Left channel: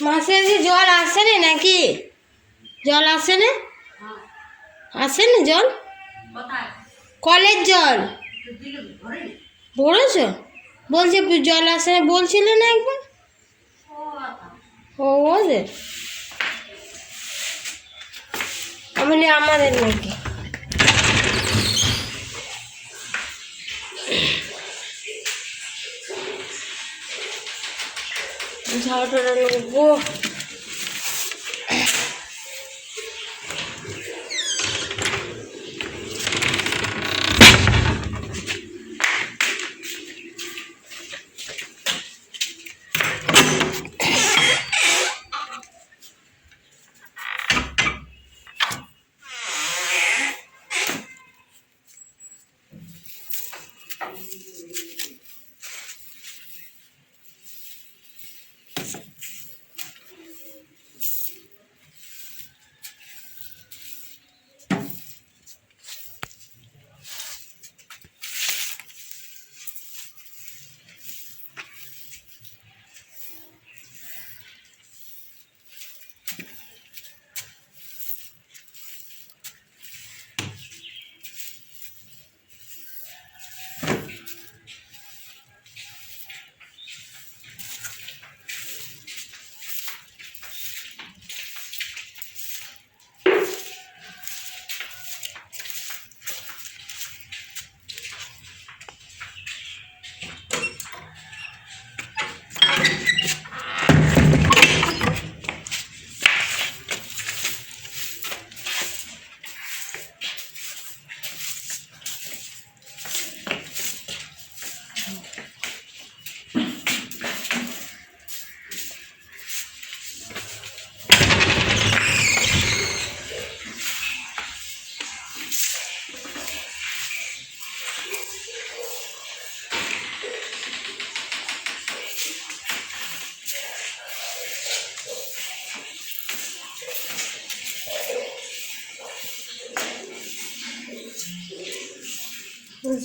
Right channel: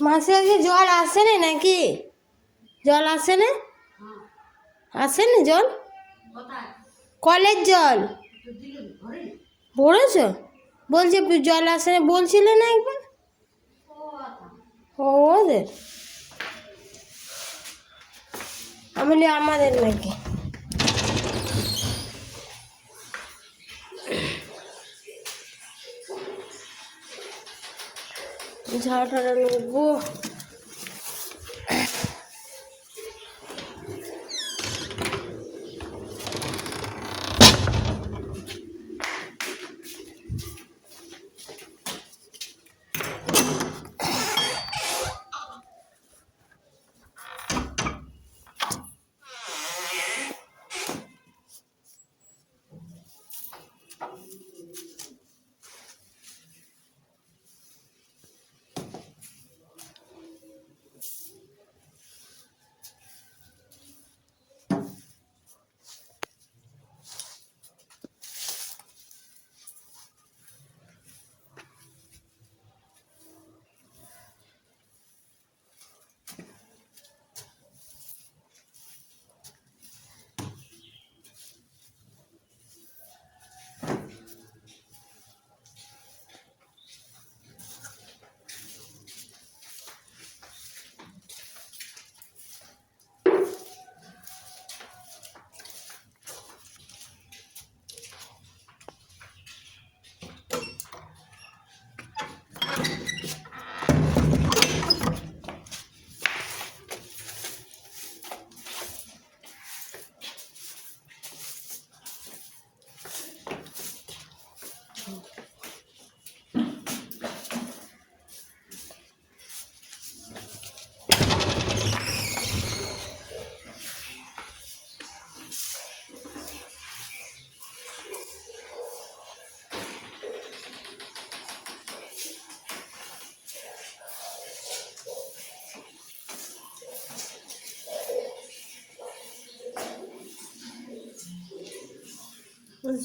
মাসে যে জল আসে না নাকি? জল আসে না? আসে না জল? কলের জল? পড়েছ বলছে জল আসে না, বলছিলে না একবার? ওদের আমি আমাদের নাকি। ঝাড়টা নেব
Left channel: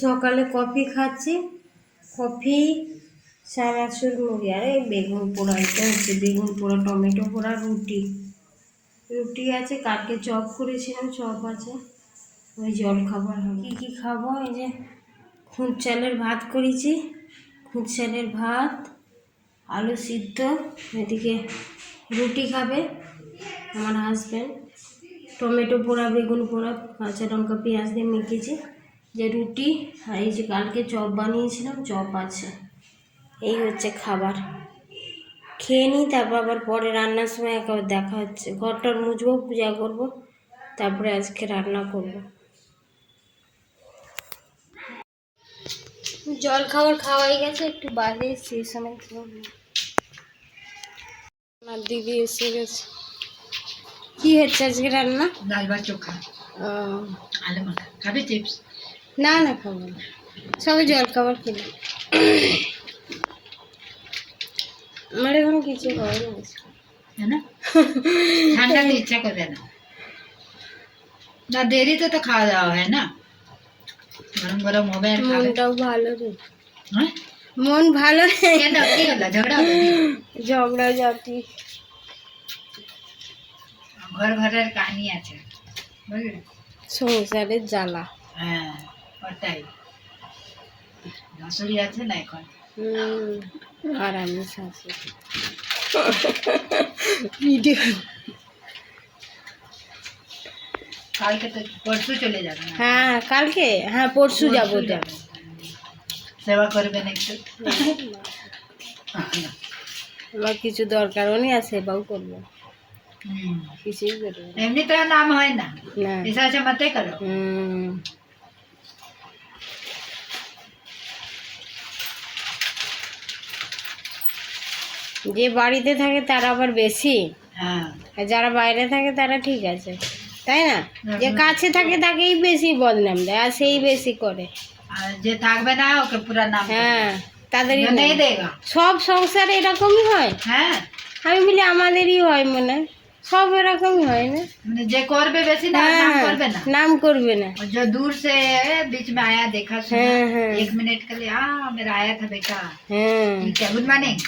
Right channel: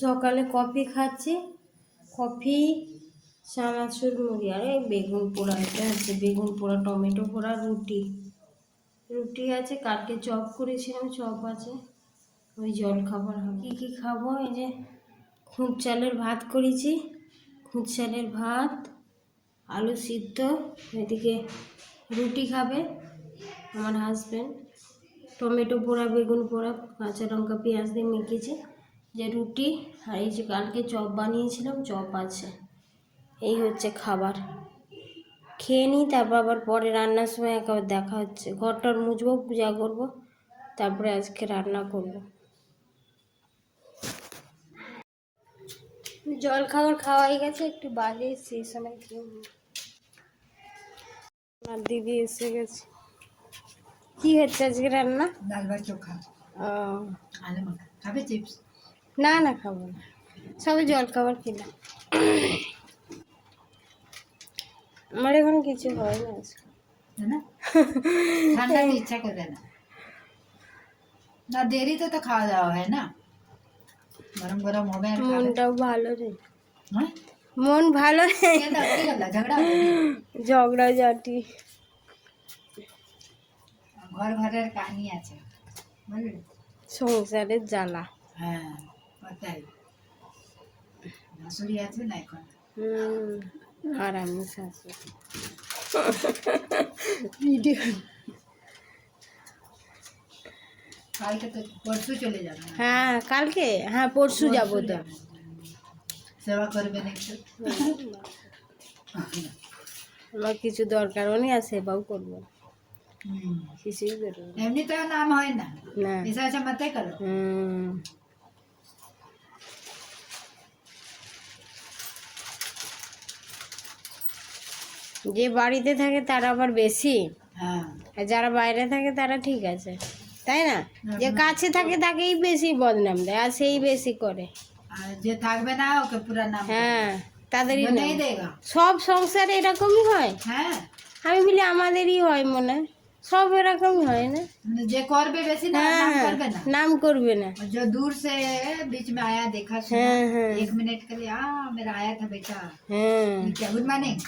সকালে কফি খাচ্ছি। কফি চানাচুর মুড়ি আর বেগুন পোড়া এটা হচ্ছে বেগুন পোড়া, টমেটো পোড়া, রুটি। রুটি আছে, কালকে চপ করেছিলাম, চপ আছে। ওই জল খাবার হবে কী কী খাব? এই যে খুদ চালের ভাত করেছি। খুদ চালের ভাত, আলু সিদ্ধ, এদিকে রুটি খাবে আমার হাজব্যান্ড টমেটো পোড়া, বেগুন পোড়া, কাঁচা লঙ্কা, পেঁয়াজ দিয়ে মেখেছি। যে রুটি আর এই যে কালকে চপ বানিয়েছিলাম চপ আছে। এই হচ্ছে খাবার। খেয়ে নিই তারপর আবার পরে রান্নার সময় একেবারে দেখা হচ্ছে। ঘরটার মুছবো পূজা করব তারপরে আজকে রান্না করব। জল খাবার খাওয়াই গেছে একটু বাদে সেই সময় আমার দিদি এসে গেছে। কি হচ্ছে আজকে রান্না? ডাল বা চোখা। আলু মাখা খাবে চিপস? না না খাব না। সবে জল খাবার খেলাম আমার এখন কিছু হয়নি আজকে। है ঠান্ডা ইচ্ছা করে না। না দেরি তো খাওয়া দাওয়া হয় না। গরম গরম হবে আর মনটাও ভালো রে। হ্যাঁ? মন ভালো রে। কেন? কি হলো? ঝগড়া ঝগড়া জাতি। ঘর ঘরের কাহিনী আছে। বুঝলি? সংসারের জ্বালা। হ্যাঁ। ওটাই শাশুড়ি আছে না এখন আর আমি শাশুড়ি ভিডিও কালকে তো পরশু চলে যাবে হ্যাঁ কালকে হ্যাঁ পরশু যাব যাবে সেবা করবেন একটু আমার কিছু দরকারও নেই আর সেবাও করবো কিছুই করবো এমনি তো নাম হয় না এসে আছে মাথায় করো যে বাড়িতে থাকে তারা আবার বেশি হ্যাঁ আর যারা বাইরে থাকে তারা ঠিক আছে তাই না যে কাছে থাকে তাকেই বেশি বদনাম দেয় আর সেই বেশি করে আর যে থাকবে না ওকে পুরা নাম হ্যাঁ তাদেরই जो नहीं নাম। देगा সব সংসারে এরকমই হয় হ্যাঁ আমি বলি আমাদেরই হয় মনে হয়। সব এরকমই হয় না মানে যে করবে বেশি না নাম হ্যাঁ করবে না নাম করবে না और जो दूर से बीच में आया देखा सुना हाँ, हाँ। एक मिनट के लिए हाँ मेरा आया था बेटा হ্যাঁ ठीक है गुड मॉर्निंग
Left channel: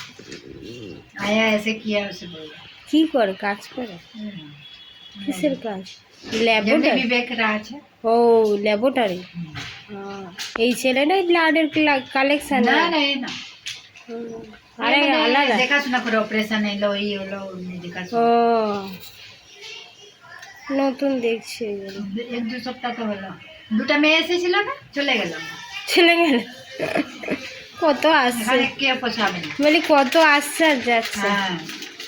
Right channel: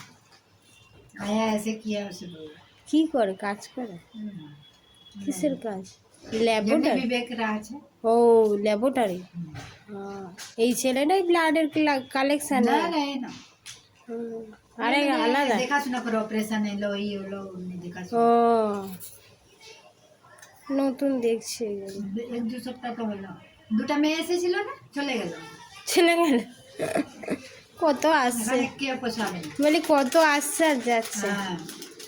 আয়া এসে কি আসে কি করে? কাজ করে? কিসের কাজ? ল্যাবরেটরি বিবেক আছে। ও ল্যাবরেটরি এই ছেলে ছেলেটাই ব্লাডের কালেকশন না না না। আরে মানে আলাদা। দেখাশোনা করে অপারেশন এলো এই হলো দেখাশোনা। ও নতুন দেখছি এক দু সপ্তাহ তো হলো। দুটা মেয়ে এসেছিল না? চলে গেল। চলে গেল? কত আসছে? বলি কত আসছে যাচ্ছে। হ্যাঁ।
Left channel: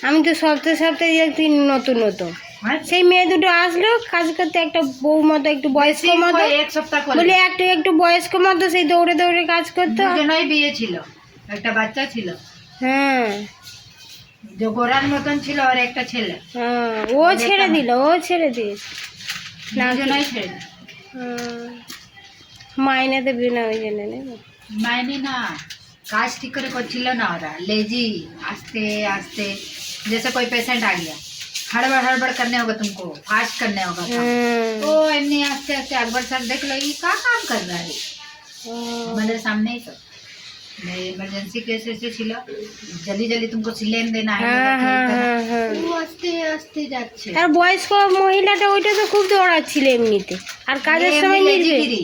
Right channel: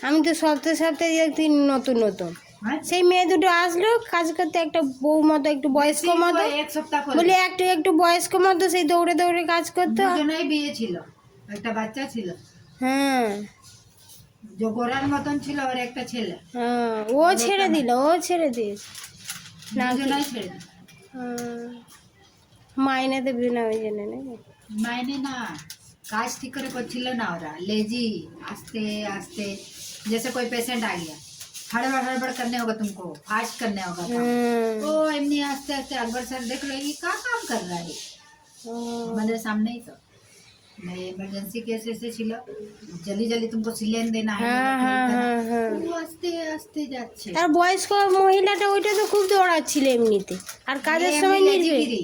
আমি তো সপ্তাহে সপ্তাহে দেখছি নতুন নতুন। হ্যাঁ? সেই মেয়ে দুটো আসলো কাজ করতে একটা বউ মতো একটু বয়স্ক মতো। এক সপ্তাহ করে। বলি একটু একটু বয়স্ক মতো সেই দৌড়ে দৌড়ে কাজ করতো। বিয়ে ছিল। একটা বাচ্চা ছিল। হ্যাঁ। যে গোরার মতন ছিল আর একটা ছেলে। হ্যাঁ ও ছেড়ে দিল ও ছেড়ে দিয়েছে না ছেড়ে। হ্যাঁ। মাইনে দেবি না ওই জন্য নেবো মাইনে না কাজ ঠিক করে করছিল না ওরা लेजी आस्ते आस्ते जैसे कोई पेशेंट आ गया हड़बड़ हड़बड़ करने होगा तुमको फास्ट करने होगा काम। হ্যাঁ तो एमनी आस्ते आस्ते अकबर सर देख लो ये क्या काम कर रहा है ও, मेरे सामने ही तो इमरजेंसी केस ऐसे ছিল जल्दी जल्दी तुमको सिलेन देना है হ্যাঁ হ্যাঁ হ্যাঁ হ্যাঁ वो आस्ते आस्ते যাচ্ছে তার বয়স্ক মহিলাটা ওইটা তো খুব দৌড়াচ্ছিল এমনিতে আর কাজের ये সময় एमनी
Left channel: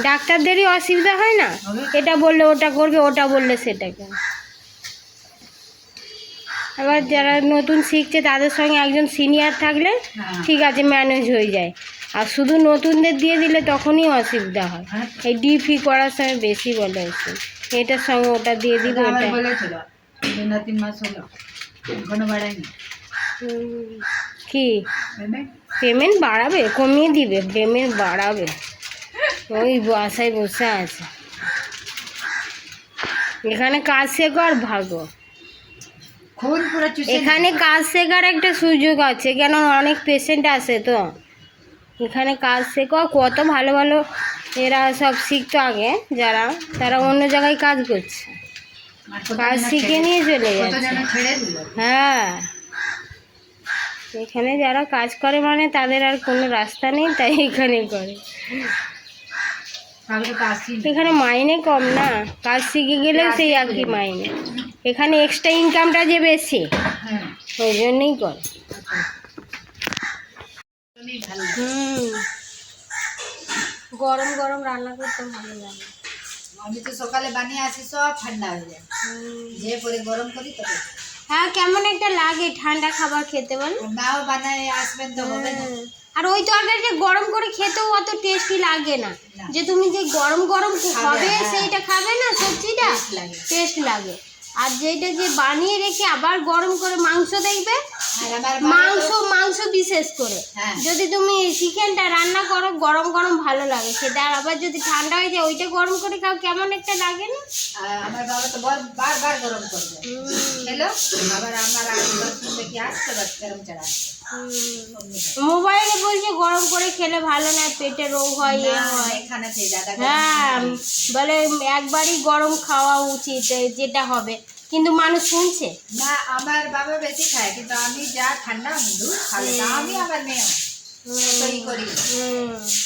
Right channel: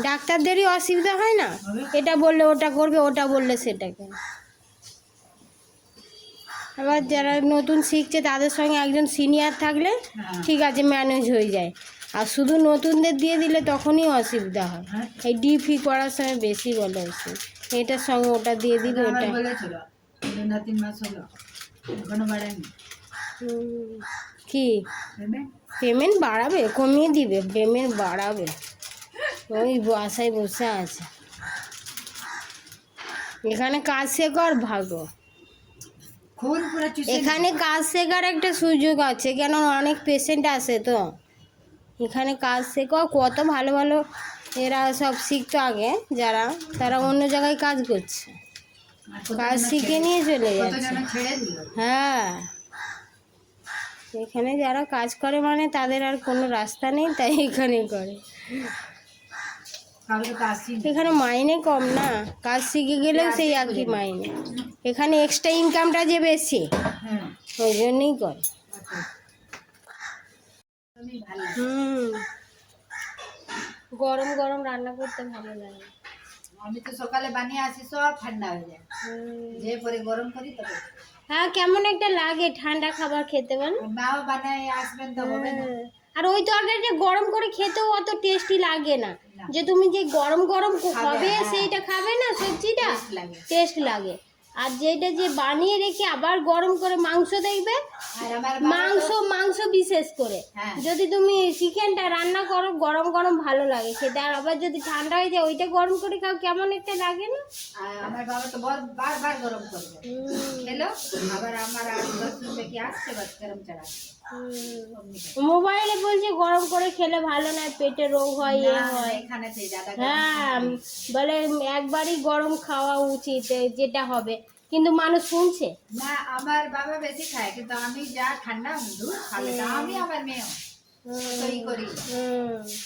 ডাক্তারদেরই অসুবিধা হয় না? এটা বললে ওটা করবে ওটা বললে সেটাকে। আবার যারা নতুন শিখছে তাদের সঙ্গে একজন সিনিয়র থাকলে। ঠিক আছে ম্যানেজ হয়ে যায়। আর শুধু নতুনদের দিয়ে দিলে তখনই অসুবিধা হয়। এই ডিপি করার সময় বেশি বলে ওইসব এটার সঙ্গে ওটা দিয়ে দিব কি? পেমেন্ট বাড়াবে কমিয়ে দিবে পেমেন্ট বাড়াবে। ওই বাসায় বসে আছে। এখানে কাজ শেখো আর ভাগো এখানে কাজ শেখার একটা সুযোগ আছে কেন অনেক পেশেন্ট আসে তো। এখানে কাজ শেখো কত ভালো ভালো এরা সব শিখতো আগে যারা তারা অন্য জায়গায় কাজ করছে। কাজ শিখে নিয়ে চলে যাচ্ছে। হ্যাঁ। এখানে যারা কাজ করে মানে তাদের আর কোনো রাস্তা নেই তাই এখানে করে। এখানে মাইনে কম না। কাজ শিখে গেলেও সেই একই মাইনে। এখানে এক্সট্রা ইনকামটা যে বেশি হ্যাঁ। ওই জন্যই করে গরম গরম রান্না করতে ভালো লাগে। আমি তো সকালে বানিয়ে আসি সব ঠান্ডা হয়ে যায়। যে পরে গরম করি তবে। হ্যাঁ কেমন একটা লাগে ঠান্ডা খাবার খেতে বল। নাও বানায় আসবেন তো হবে না। আর ওই তরকারিটা গরম করে খেতেও অত টেস্টি লাগে না। যে তুমি যে গরম গরম খাবে, হবে হ্যাঁ। সেইটা খাবে না সবজিটা টেস্ট লাগে। আর যেটা যে বানিয়ে রেখে আবার গরম করে মাংস দেখবে মাংস মাংস বিশেষ করে। হ্যাঁ। যদি তুমি চিকেনটা রান্না করো গরম গরম ভালো লাগে। সেটা আর আবার যদি ঠান্ডা হয়ে যায় ওইটা গরম করে খাও কেমন একটা লাগে না? আমার বাবা তো বারবার গরম করবে। খেলো আবার আমার আসতে গরম চড়া মোবাইলে বলছে গরম করে খেলে ভালো না পেটে রোগ হয় এ হয়। হ্যাঁ বলে একবারই গরম খাওয়া উচিত যেটা হবে। কিন্তু মানুষ শুনছে। না আমার বাবা বেশি খায় কিন্তু আমি যা ঠান্ডা দুধ খাব না আমি আবার।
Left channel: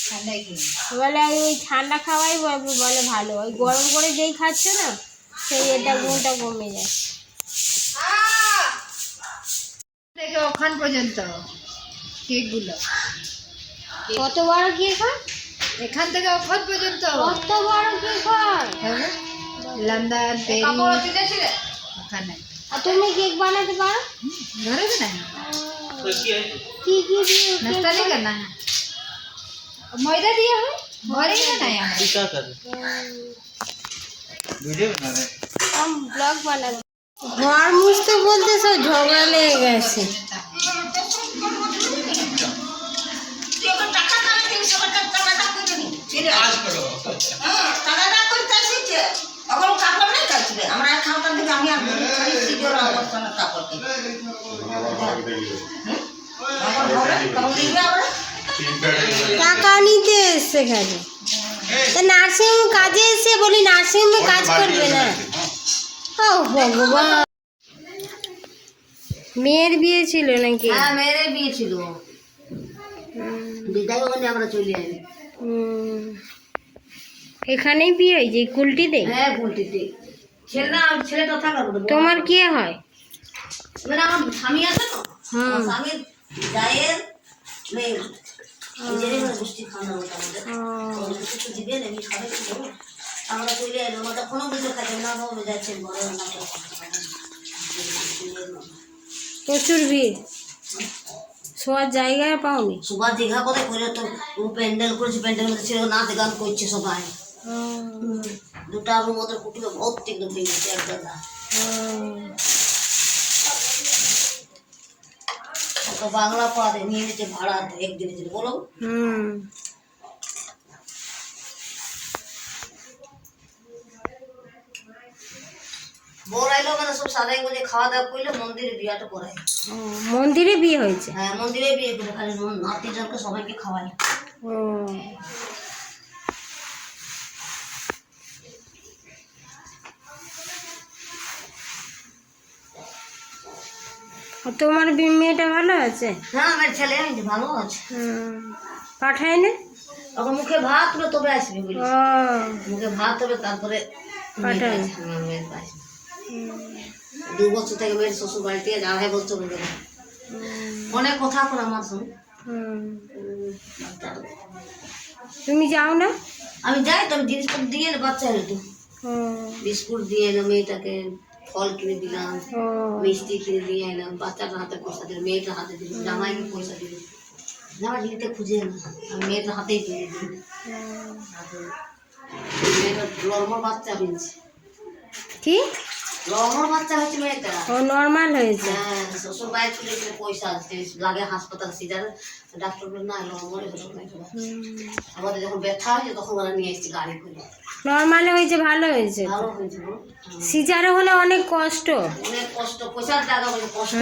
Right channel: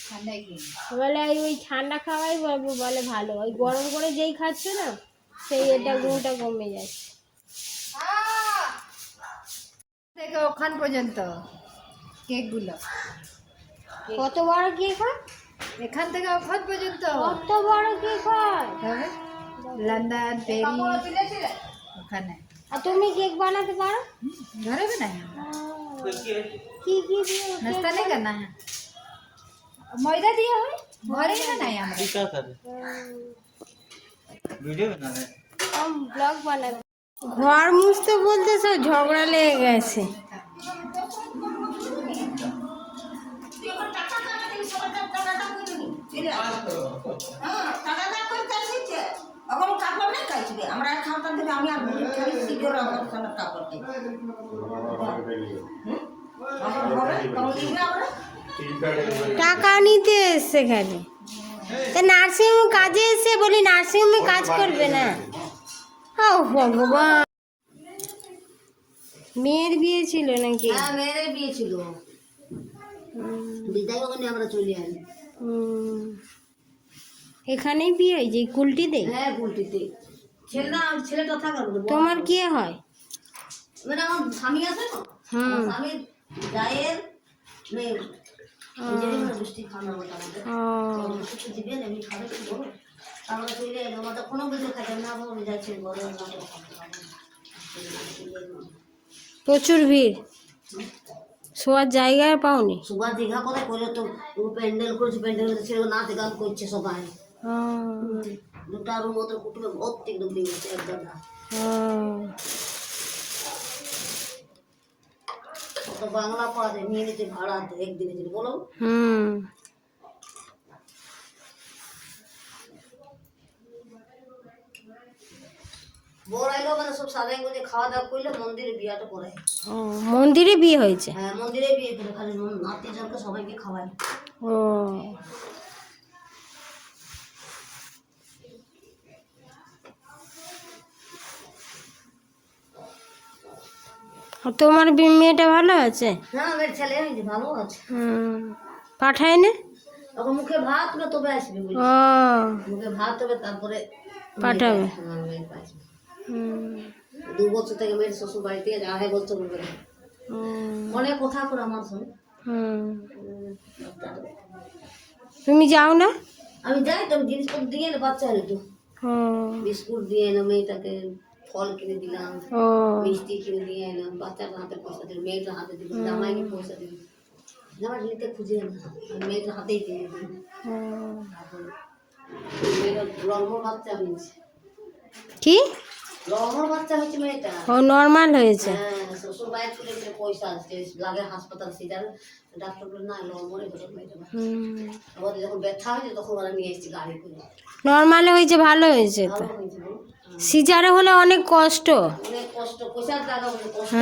ঠান্ডায় বলে ওই ঠান্ডা খাওয়াই বলে ভালো ওই গরম করে যেই খাচ্ছে না সেই এটা ঘুমটা কমে যায় থেকে ওখান পর্যন্ত কেকগুলো কত বড় কেক হয় এখান থেকে ওখান পর্যন্ত কত বড় কেক হয় তবে লন্ডন প্যারিস ওখানে আর তুমি কেক বানাতে পারো ঘরে না কি কি দিয়ে नाश्ता नहीं करना है मैदा दिया हुआ घरे ही ना है हमारे क्या कर रहे वीडियो बना रहे हम ব্লগ বানাবো ঘর মুছতে বলতে সব ঝগড়া লেগে গেছে। টাকা নিতে এসছে খালি নার্সিং কাজে এসে বলি নার্সিং কাজ করবে না। ভগবান। মেয়ের বিয়ে ছিল নাকি? হ্যাঁ মেরে বিয়ে ছিল। বিদায় ওখানে আমরা চলে আসি এখানেই বিয়ে হয়েছে কুলটিতে? হ্যাঁ পোলট্রিতে ছেলে ছেলেটা কথা তোমার কে হয়? মানে আমার স্বামী আছে তো? আমার স্বামীর গায়ের মেয়ে। নিজেরই গোষ্ঠী খাওয়ানো আমাদের। কিছু দিবে আমি খাবে কি দেবো। আমরা চলে এলাম ওটা কোনো কিছু খাইতে না ভাবে যাচ্ছে বড় না প্রচুর ভিড়। শোয়ার জায়গায় পাওনি। সুপার দীঘা করে করে তো প্যান্ডেল করেছে প্যান্ডেল ছিল নাচ গান করছে সবাই। দুটা রুম ওদের কুটুমে ভর্তি একদম ভেঙেছে একদম ও। বাংলা পারে নিয়ে নিয়েছে ভাড়া একদিনের জন্য। বলো। হুম। বড় আইলো মানে সব সাদাই গুজে খাওয়া দাওয়া করলে মন্দিরে বিয়াটা করায় ও, মন্দিরে বিয়ে হয়েছে? হ্যাঁ মন্দিরে বিয়ে করে খালি নাতি জনকে সবাইকে খাওয়ায় ও। তোমার মেয়েটা ভালো আছে? হ্যাঁ আমার ছেলে ভালো আছে। হুম। পাঠায় না এখন মুখে ভাত তবে আসবে মুখে ভাত হবে তারপরে পাঠাবে। দু বছর থেকে মেয়ের শ্বশুর বাড়ি থেকে আড়াই বছর হয়ে গেল অনেক কথা করে আমার সঙ্গে তুমি যাও না? আমি যাই তো আমি জিনিসপত্র দিয়ে এনে বাচ্চা হলো তো বিস্কুট দিয়ে এলাম মেয়েটাকে ফল কিনে দিলাম মিষ্টি কিনে দিয়ে এলাম বাচ্চাটার হাতে পয়সা দিলাম মেয়েটার হাতে দিলাম জামাইকে পয়সা দিলাম। জামা নিতে খুঁজে না আমি মেয়েটার হাতেই কিনে। তারপরে মেয়েটার লর্মর বাচ্চা হয়েছে কি? লর্মর বাচ্চা হয়েছে মেয়েটা? ও নর্মাল হয়েছে। হ্যাঁ শ্বশুর যে পয়সা লাগে হাসপাতাল সিজারে ডাক্তার বলে না লর্মরে হলো মেয়েটা আমাদের যখন ব্যথা হয়েছে তখন ওরা নিয়ে এসেছে গাড়ি করে। নর্মাল হয়েছে ভালো হয়েছে। তো। ভালো হয়েছে হ্যাঁ। সিজারে হলে অনেক কষ্ট। অনেক কষ্ট পয়সার জায়গা বলে কষ্ট।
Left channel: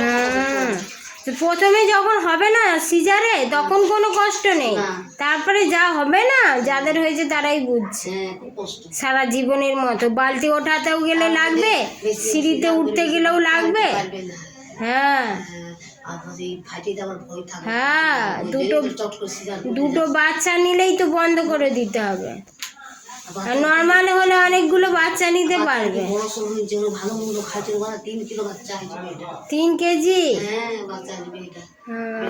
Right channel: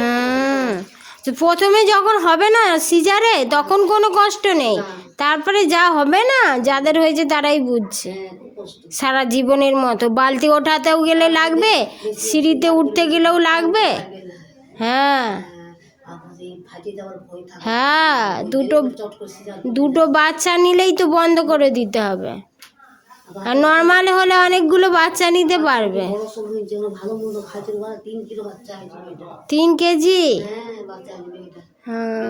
প্রথমে যখন হবে না সিজারে তখন কোনো কষ্ট নেই। তারপরে যা হবে না যাদের হয়েছে তারাই বুঝছে। হ্যাঁ সারা জীবনের মতো। বালতি ওঠাতেও গেলে লাগবে সিঁড়িতে উঠতে গেলেও লাগবে হ্যাঁ। হ্যাঁ দুটো দুটো বাচ্চা নিলেই তো বন্ধ করে দিতে হবে। আর নর্মাল হলে অনেকগুলো বাচ্চা নিতে পারবে। ভালো মন্দ ওরা তিন কিলো বাচ্চা হয়েছে তিন কেজি? হ্যাঁ হ্যাঁ।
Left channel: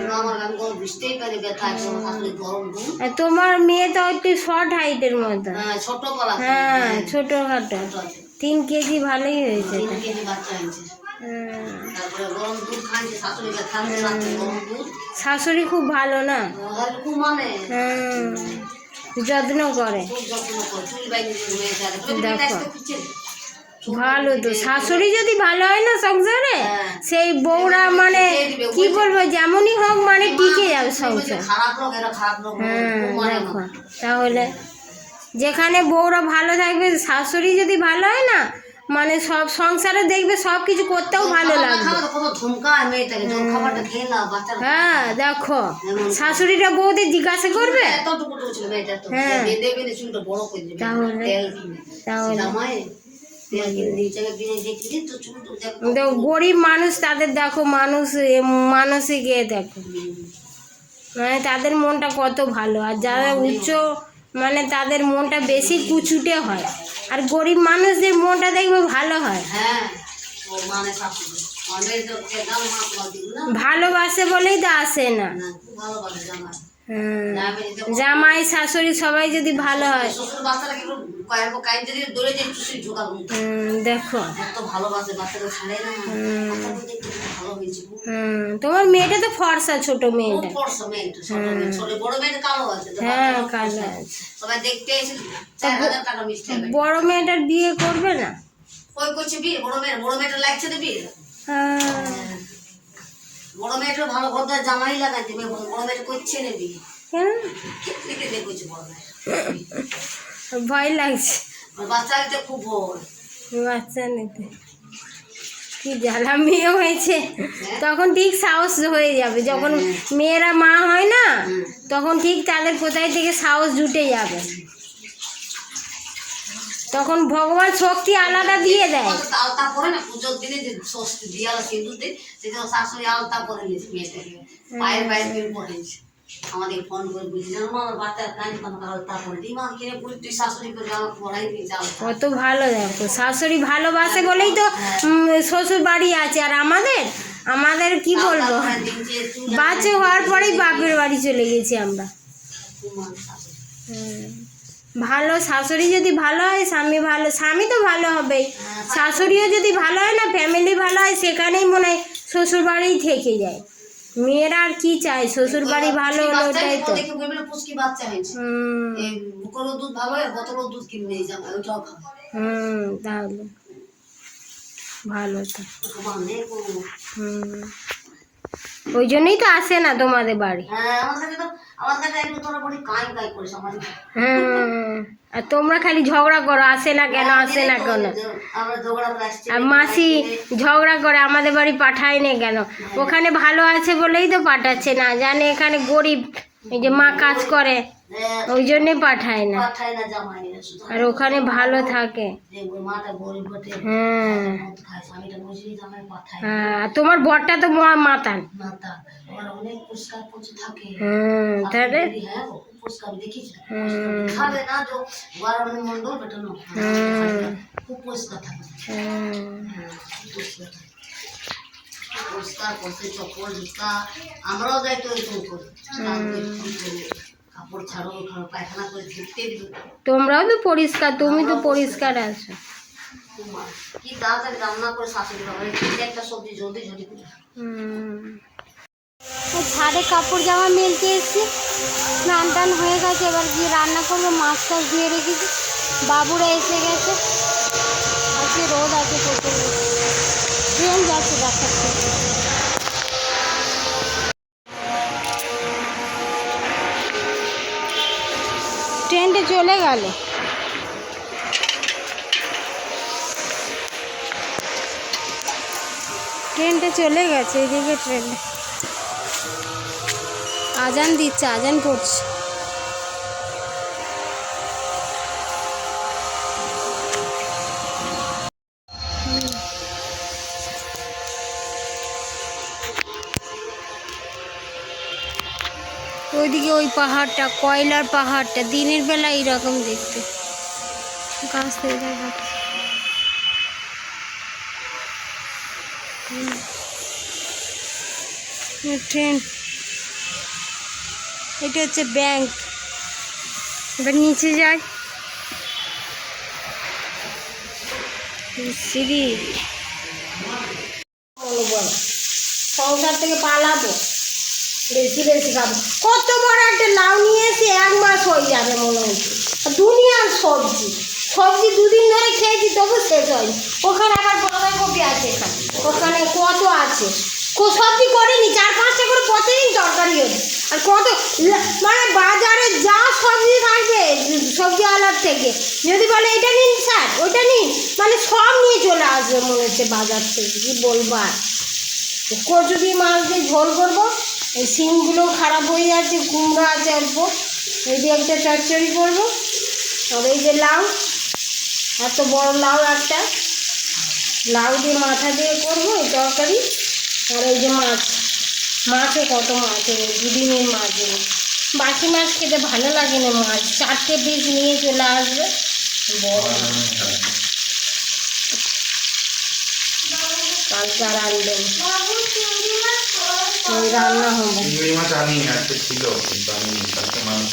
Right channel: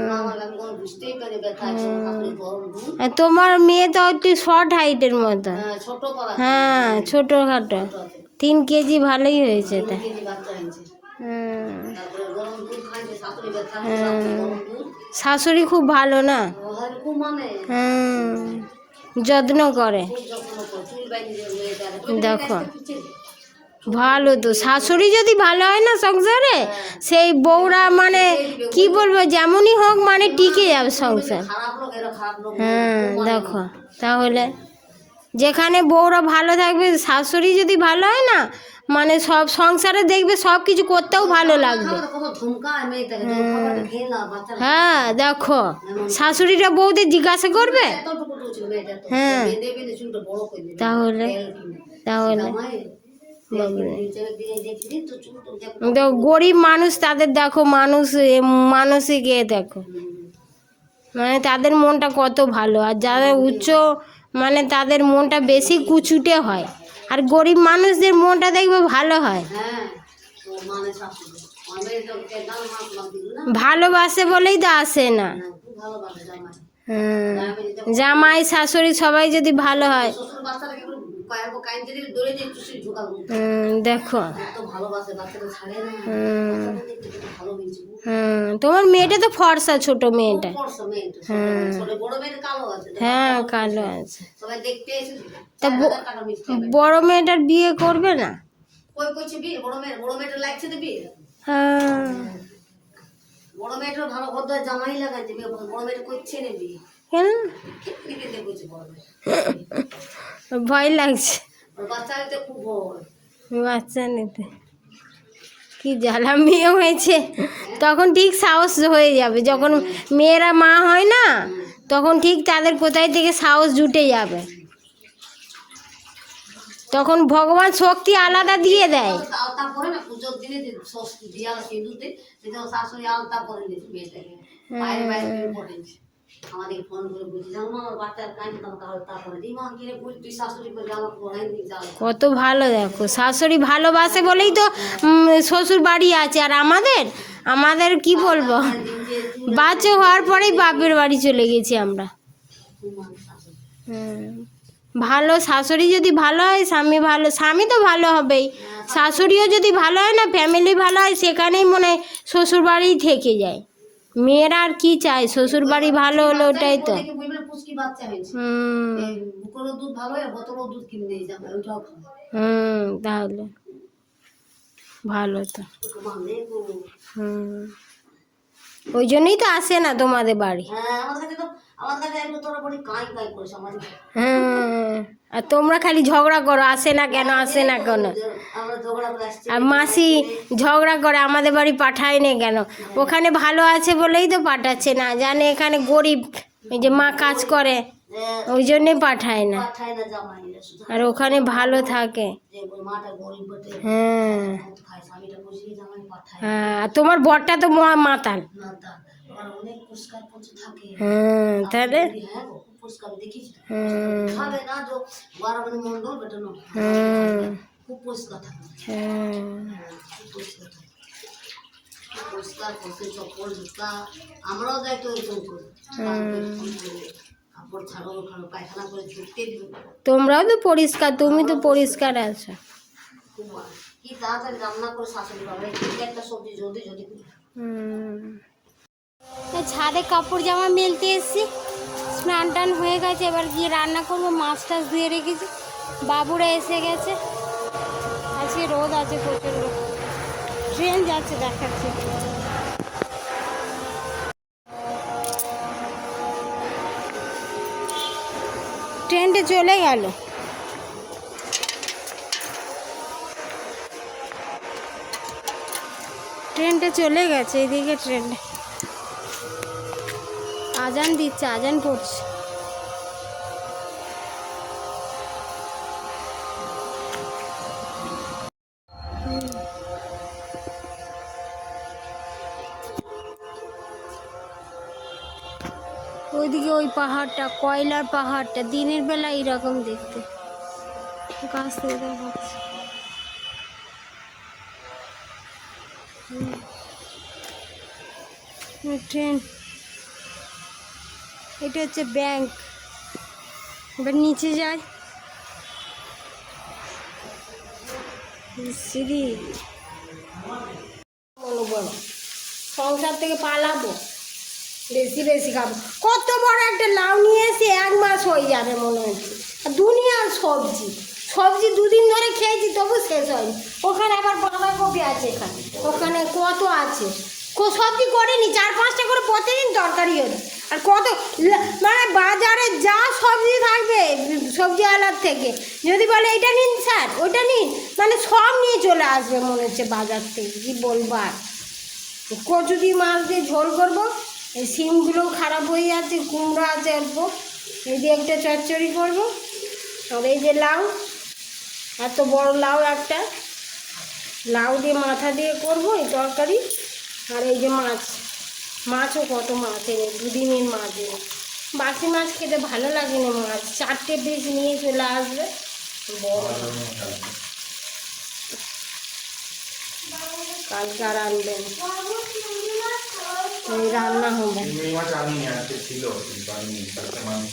আর তোমার মেয়ে তো একটু শর্ট হাইটের মতো। হ্যাঁ ছোট হ্যাঁ আছে। তিন কেজি ভালোই হয়েছে হ্যাঁ। শাশুড়ি খুব ভালো না? মানে হ্যাঁ। যত্ন করে দেখো। ভালো তো, শাশুড়ি যদি ভালো হয় না সংসারে, সেই বউরা মানে কি বলব, যেমনই হোক মানে টিকে যাবে সংসার হ্যাঁ দেখো, তাহলে যেখানে বউরা ভালো থাকবে, শাশুড়ি যদি ভালো হয় না মানে সব সংসারে দেখবে সব কিছু করতেও ভালো লাগবে। হ্যাঁ দেখো শাশুড়িটা বউদের জিজ্ঞাসা করবে? হ্যাঁ। দেবে তাহলে? তাহলে। গরিব মানুষ তাদের দেখো মানুষ এ, মানসিকে দেখো। মানে তাদের মনটা কত ভালো আর যারা উচ্চ মানে তাদের মনটা বেশি কুচুটে হয়। আর গরিব মানুষদের মনটা দেখব ভালো হয়। হ্যাঁ মানে ভালোবাসে বলেই তো আসে না। জামাই দেখো শাশুড়ি সবাই যদি ভালো হয়। হুম, দেখো। হুম। তোমার মেয়েটা তো ফর্সা ছোট মেয়েটা। হ্যাঁ কালো আছে। বড় মেয়েটার বিয়ে করবে না? বড় মেয়ে বড় মেয়েটা লাগছে তো বিয়ে। হ্যাঁ। বড় মেয়েটা ভালো জামাই লাগাইতে মেয়ে বড় বড় মেয়েটা করছে না বিয়ে? কেন? করছে বড় মেয়ে ভয় লাগছে। বাচ্চা হইতে খুব ভয়। বাচ্চা নিতে। কি জ্বালা মেয়ে হয়েছে। তখন ঠিক সাহস হয়ে যাবে। যখন মেয়েরা মা হয় না তখন ঠিক তাদের কোথায় থেকে সাহস জুটে যাবে। তখন ভগবান শক্তি আলাদা দিয়ে দেয়। আলতা না দিনে যে ষষ্ঠী সেদিন শাশুড়ি আলতা নিয়েছে মেয়েটাকে পায়ের বের আমাদের ফোন করে মা, আমার বাচ্চার আলতা দিই মা তুই শাশুড়ি করে পড়াই কত ভালো দেখো শাশুড়ি ভালোবাসে বলেই তো শ্বশুর বাড়ি আছে। আর আমাদের? আমাদের কি বলব? বাচ্চা হওয়ার পরেই বাপের বাড়ি চলে গেছি আমরা। হুম। ভালো শাশুড়ি যদি ভালো হয় স্বামী ভালো স্বামী তো ভালো হবেই। শাশুড়িও যদি ভালো হয় না ফ্যামিলি ভালো হয় সেখানেই মনে হয় শ্বশুর বাড়ি থেকে যায়। মেয়েরা আর কি চায়? শ্বশুর বাড়ি ভালো হলো ওটাই তো। হুম। হয় তাহলে। ভালো তো। হুম। ওই জন্যই তো আসে না তোমাদের বাড়ি। হ্যাঁ আর তোমরা খালি ঝগড়া করো আসে না কেন আসে না কেন? আর মাসি ঝগড়া করে আমাদের বাড়ি পাঠায় না কেন? ওখানে ভালো আছে বলেই তো পাঠাচ্ছে না জানে এখানে গরিব এই যে মা কাজ করে। হ্যাঁ, ওই জন্যে পাঠায় না। পাঠায় না জামাইরা শুধু আর ওখানে ভালো থাকে। মাটা গরিব বটে। হ্যাঁ। স্বামীটা বুঝলি জামাই পাঠায়। হ্যাঁ, তোমার বরটা তো মহা মাতাল। না অনেক পুরস্কার পৌঁছে থাকে। হ্যাঁ তাহলে হ্যাঁ পুরস্কার দেখিস খাবে না তো বারবার মন্ডল বেটানো খুব পুরস্কার থাকে। হ্যাঁ, খুব পুরস্কার থাকে। পুরস্কার করতে চপ্পল জুতা আমরাও যাই তো এরকম করি। তোমরাও তো পরিষ্কার তুমি তো পরিষ্কার আছো। তোমার কি তাড়াতাড়ি রান্না করে শাশুড়ি বাবা একটা সবজি জলদি জলদি ঝাড়ে কাপড় জামা মেলতে এসেছি স্নান টান হয়ে গেছে এবার গিয়ে রান্না করব মাছ টাছ ধুয়ে রেখেছি। বাবুরা এসে গেছে। চলে গেল ট্রেনটা চলে গেছে এদিকে ট্রেনটা আজান দিচ্ছে আজান পড়ছে ওইদিকে ওই পাহাড়টা, কয়লার পাহাড়টা, দিনের বেলা এইরকম দেখতে। দেখাচ্ছে হুম। ট্রেন, এটা হচ্ছে ব্যাংক। এবার নিচে যাই। সিঁড়ি। সংসার থেকে পালাবো। বেশি বেশি খাব। কত বড় একটা লাউ নিয়ে এসে এক মাস হয়ে যাবে মনে হচ্ছে দুনিয়ার সবজি। সবজি দুদিন ধরে খেয়েছি, তবু শেষ হয়নি। ওখানে আবার বাঁধাকপি আছে ওখানে কত আছে? সবজি করিনি? চার পাঁচটা করে প্রতিদিন তরকারি হচ্ছে আর কত মানে বাজারে যা সবজি থাকে সবজি আলার থেকে, যদি বলে, এটা নিন স্যার, ওটা নিন মানে সব নিয়ে চলে আসবে মনে হচ্ছে বাজার থেকে। কি বলব আর? কচু দিয়ে মাছ দিয়ে ঝোল করব এই সিমগুলো খারাপ হয়ে যাচ্ছে, কুমড়া আছে অল্প। এই দিয়ে একটা চচ্চড়ি করব। আর এই যে লাউ, এত বড় লাউ একটা। লাউ দিয়ে মাথা দিয়ে করব এই তরকারি। আর এই যে মাছ, মাছও কত মাছ এই দুদিনের মাছ দিয়ে বাসি মাছ খেতে ভালো লাগে না মাছ, চারটে পিস নিয়ে চলে আসবে। কালকে আর আনবেন। রান্না হবে। চিংড়ি মাছ আজকে ছিল কিন্তু আমি কালকে মাংস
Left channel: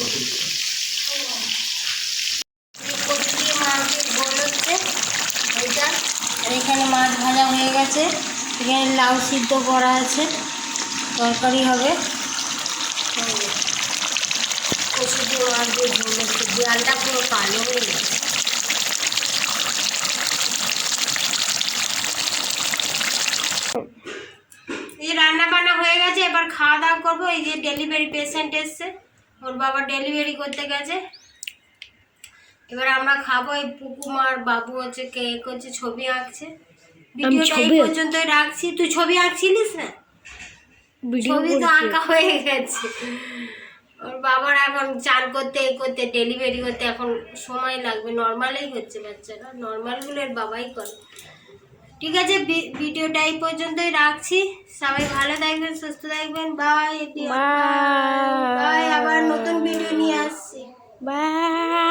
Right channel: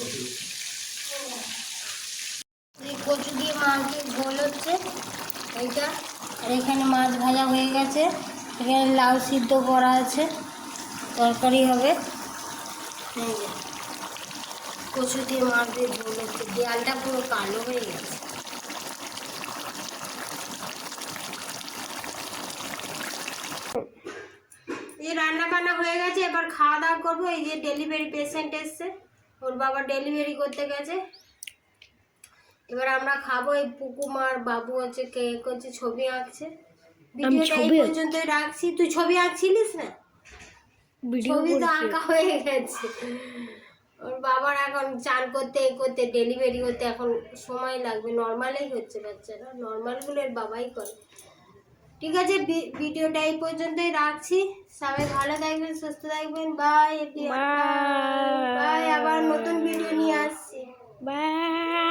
এখানে মাছ ভাজা হয়ে গেছে। এখানে লাউ সিদ্ধ করা আছে। তরকারি হবে। কচুরি মাছ দিয়ে ঝোল পুরো কালো হয়ে গেছে। রান্না বান্না হয়ে গেছে এবার খাওয়া দাওয়া করব। এই যে ডেলিভারি পেশেন্ট এসছে ওর বাবা ডেলিভারি করতে গেছে। এবার আমরা খাব এই পুকুমার বাবু হচ্ছে কেক হচ্ছে ছবি আঁকছে। ভিডিওটা এই পর্যন্তই রাখছি। তুই ছবি আঁকছিলিস না? ছবি তো আঁকা হয়ে গেছে। ওর বাবার এখন চান করতে এ করতে ডেলিভারি করতে এখন সময় লাগবে। নর্মালেই হচ্ছে বাচ্চারা নর্মালগুলো এর বাবাই করে। ঠিক আছে ভিডিওটা এই পর্যন্তই রাখছি। সবাই ভালো থাকবেন সুস্থ থাকবেন। বাই বাই আবার নতুন ভিডিও নিয়ে আসছি। বাই